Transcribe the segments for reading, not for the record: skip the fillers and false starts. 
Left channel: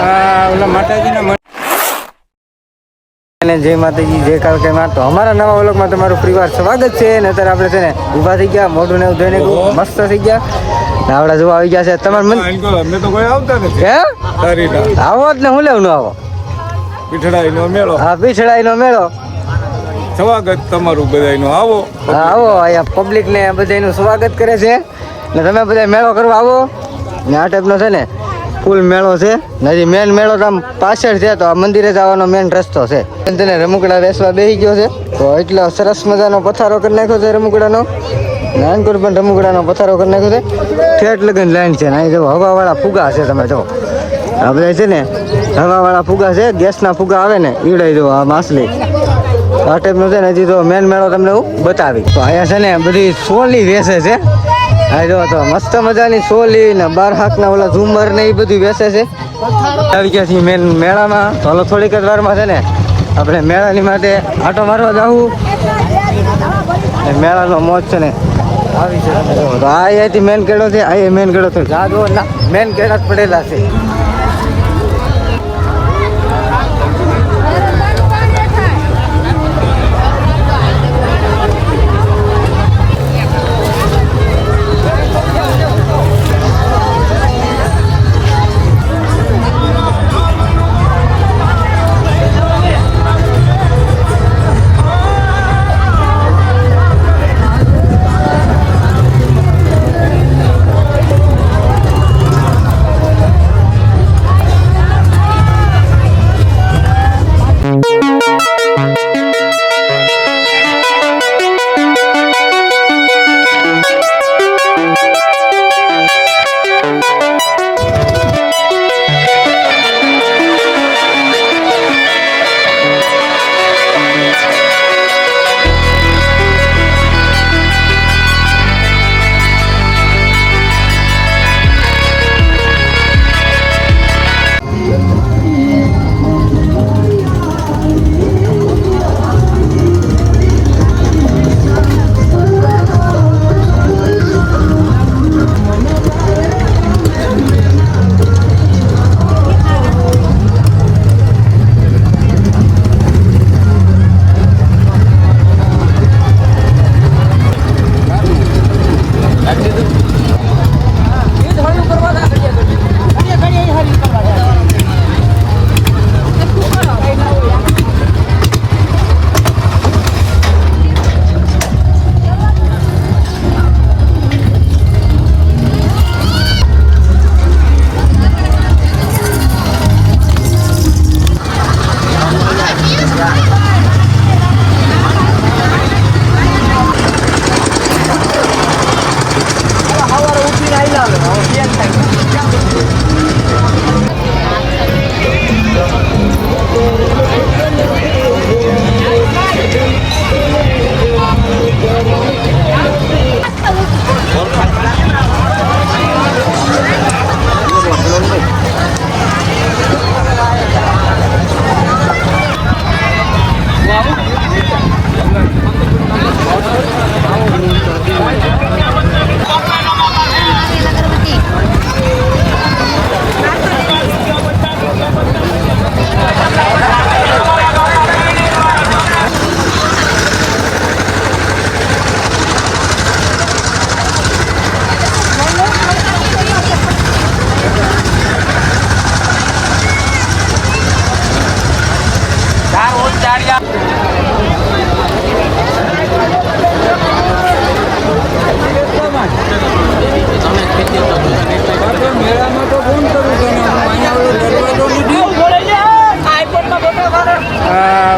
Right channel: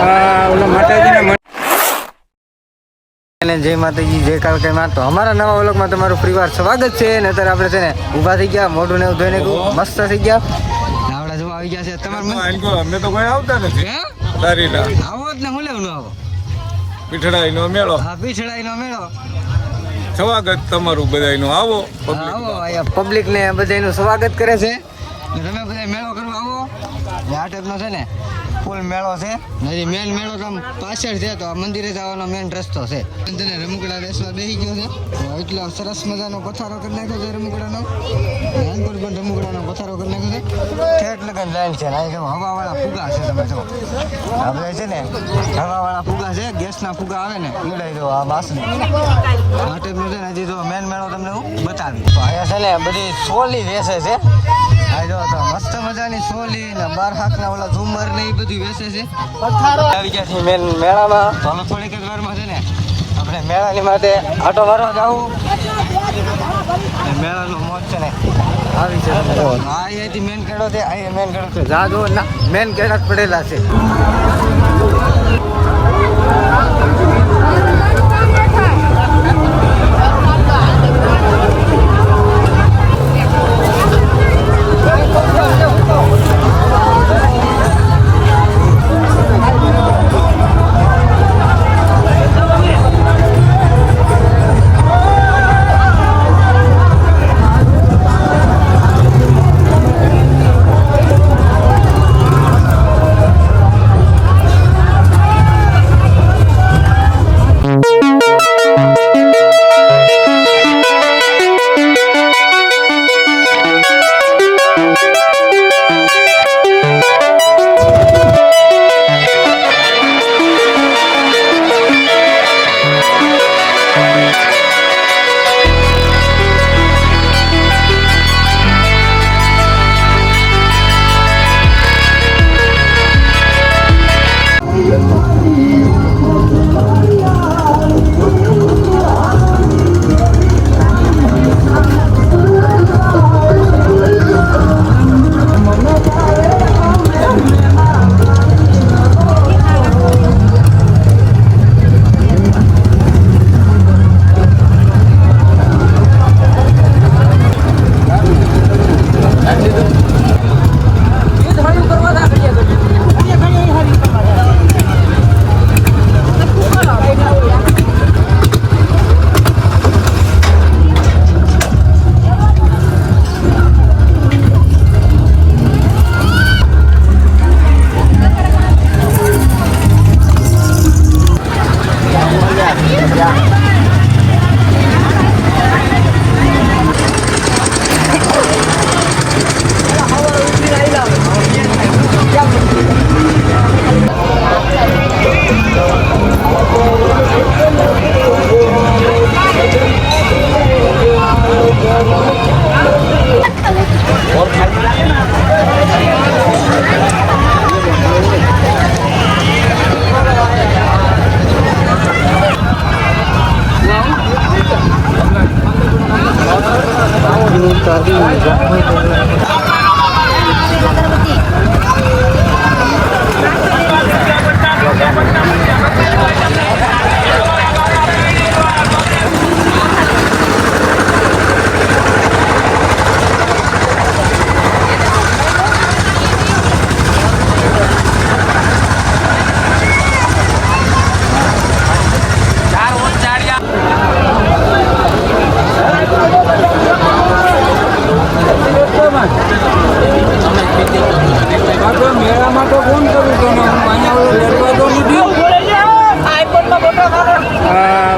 ઓલા માતાજીના જય માતાજી, જય કાળકા માં. તો અમારા નવા વ્લોગમાં તમારું પરિવાર સ્વાગત છે. ને અત્યારે આપણે છે ને ઊભા થઈ ગયા, મોઢું ને એવું ધોઈને મસ્ત થઈ ગયા. આવડા જોવા આવી ગયા છે તમારે અમે તો કોઈ આવતા નથી. હે તારીના આવો જ ને, હું લેવું ન આવો પીઠડાઈ નો મેળો. હા, પીછડાઈ નો મેળો. સ્વાગત તમારું બધાયનું. આવો આવો, અહીંયા પબ્લિક ને બધાનું સ્વાગત કરે છે. ને તમે બધા મેળો કરવા આવો. ને આ ટાઈપનો છે ને ફૂલ મેળો છે. હજી મેન મેળો તો આમ પાછળ છે, તો આ મંદિરે જવાનો મેન રસ્તો છે. તેને રમકડા વેસવા બેસી ગયો છે. તો એટલો સરસ મજાનો પથારો કરી નાખ્યો છે રમકડાનો. નાનકોર પણ રમકડાનો પથારો કરી નાખ્યો છે. ઠેઠ લગન લાઈન છે. અહીં જો હવાવાળા ફુગા છે, તમે જો આ બધા છે ને હવાવાળા ફુગા છે. ગેસના ફુગા આવે ને ઈડાઈ દો આ માછલી. આ ટાઈપનો છે ને હજી તો મેન મેળો તમને હું બતાવી. તો અહીંયા છે ને બધી સોલી વેચે છે. હા જો તો મસ્ત મજાની સોલી ને 12 હાથના ઓલા ઝુમર ને એ બધું વેચે છે. આવી ગયા છીએ મેન મેળામાં. તો થોડીક જ વારમાં છે ને આપણે મેળાની માટે આટો મારવા જવું. મેળાનો મોજ છે ને આવી છે. તમે જો તો આ અહીંયાથી મેન કેળો છે. અહીંયા મેન કેળો તો જા જો ના મેન કેળા જ પડેલા છે.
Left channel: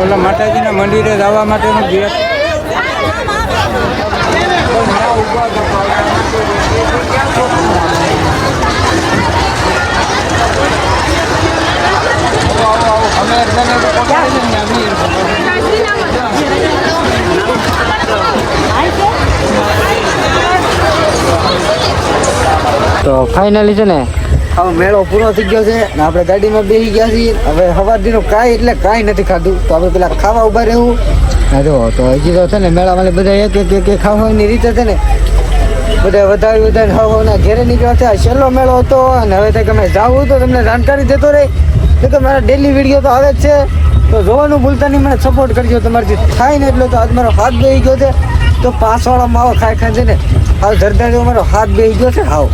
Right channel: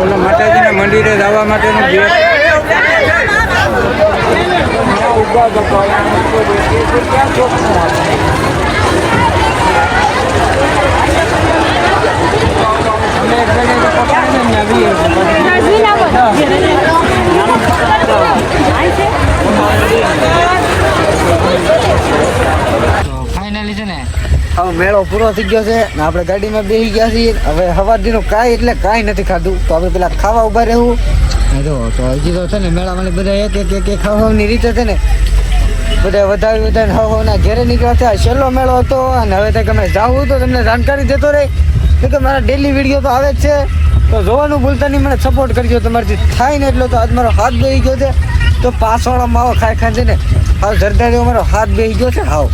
ઓલા માતાજીના મંદિરે જવા માટેનું ગેટ. અમે તો ફાઇનલી છે ને હવે મેળો પૂરો થઈ ગયો છે ને આપણે ગાડીમાં બેસી ગયા છીએ. હવે સવારથીનું કાંઈ એટલે કાંઈ નથી ખાધું. તો આપણે પેલા ખાવા ઉભા રહેવું. જો તો હજી તો છે ને મેળામાં બધા એક ખાવાની રીતે છે ને બધા વધારે ખાવાના ઘેરે નીકળ્યા છે. છેલ્લો મેળો હતો અને હવે તમે જાવું તો તમને જાણકારી દેતો રહે. કે મારા ડેલી વિડીયો તો આવે જ છે, તો જોવાનું ભૂલતા નહીં, મને સપોર્ટ કરજો. તમારાથી થાય ને એટલો. તો આજ મારો હાથ બેહી ગયો છે, તો 5 વાળો માવો ખાઈ ખાઈ છે ને હાવ જરદા જેવો મારો હાથ બેહી ગયો છે. હાવ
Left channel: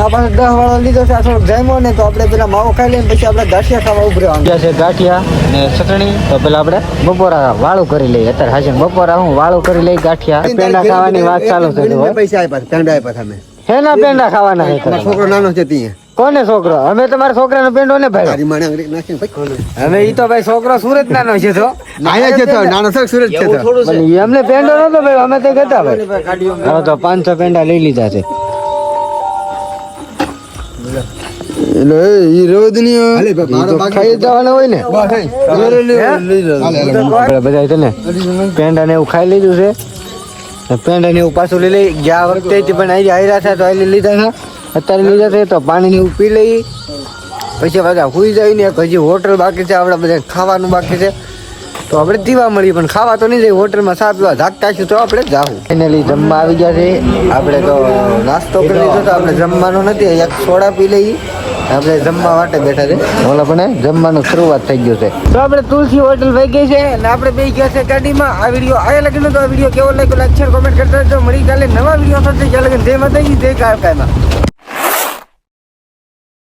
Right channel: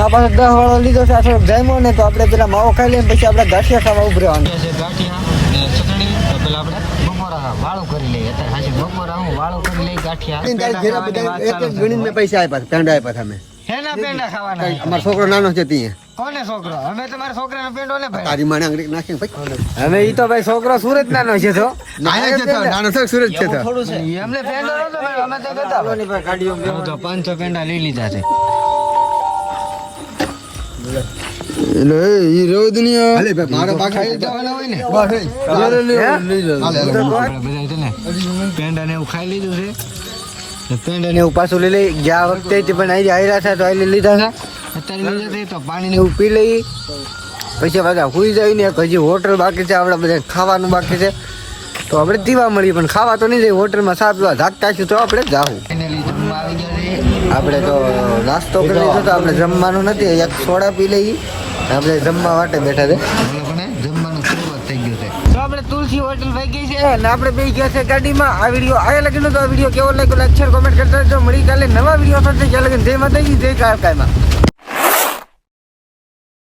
આ પાસે 10 વાળો લીધો છે. આ થોડોક જામ્યો ને તો આપણે પેલા માવો ખાઈ લઈએ, પછી આપણે ગાંઠિયા ખાવા ઉભરે છે. ગાંઠિયા ને ચટણી. તો પેલા આપણે બપોરા વાળું કરી લઈએ. અત્યારે હાજર બપોરા હું વાળું કરી લઈ ગાંઠિયા પેંડા ખાવાની વાત ચાલુ છે. પૈસા આપ્યા પેંડા આપ્યા તમે હેના પેંડા ખાવાના છે? મારો છોકરો નાનો છે ત્યાં કોને છોકરો? અમે તમારા છોકરાનો પેંડો ને ભાઈ. તારી માને અંગ્રેજ નાખીને ભાઈ હવે ઈ તો ભાઈ છોકરો સુરત નાનો છે. તો નાના છે તો નાનો છે સુરત છે તો પણ ઈ અમને પેંડો નતો ભાઈ, અમે તો ગતા ભાઈ. હવે તો 500 પેંડા લઈ લીધા છે. એટલે ઈ રોજ ની હાલે ભાઈ મારો બાકી ખાઈ જવાના હોય ને આપણે બધા છે ને પેંડા ને એવું ખાઈ લીધું છે. પેંડા ને એવું પાછું લઈ લઈ. ગયા વખતે પણ આવી આયરા થાય તો આવી લીધા હતા, અત્યારે લીધા છે. તો પાણી ને એવું પી લઈ, પછી બધા સુઈ જાય ને. હજી હોટલ બાકી છે, આપણે બધા ખાવાનું બાકી છે. તો આપણે દીવા મળી પણ ખાવા તો નહીં જાય. હોટલમાં સા પીવા જાગતા છે તો આપણે જાવું. ફાઇનલી જમવા આવી ગયા છે. આપણે તો નાસ્તો કરી લીધો, તો આપણે જમવાનું નથી, એક સોડા પી લઈ. આપણે જમવા માટે બેઠા છે. ઓલા પણ જમવાનું શરૂઆત થઈ ગયું છે. તો આપણે તુલસી હોટલ વહી ગઈ છે અને આપણે બે ગયા છે ગાડીમાં. આ વિડીયો આયા લગીનો તો આ વિડીયો કેવો લાગ્યો લાઈક શેર કોમેન્ટ કરતા રહેજો. મળી કાલે નવા વિડીયો સાથે. જ્યાં લગન જય માતાજી, જય કાળકામાં.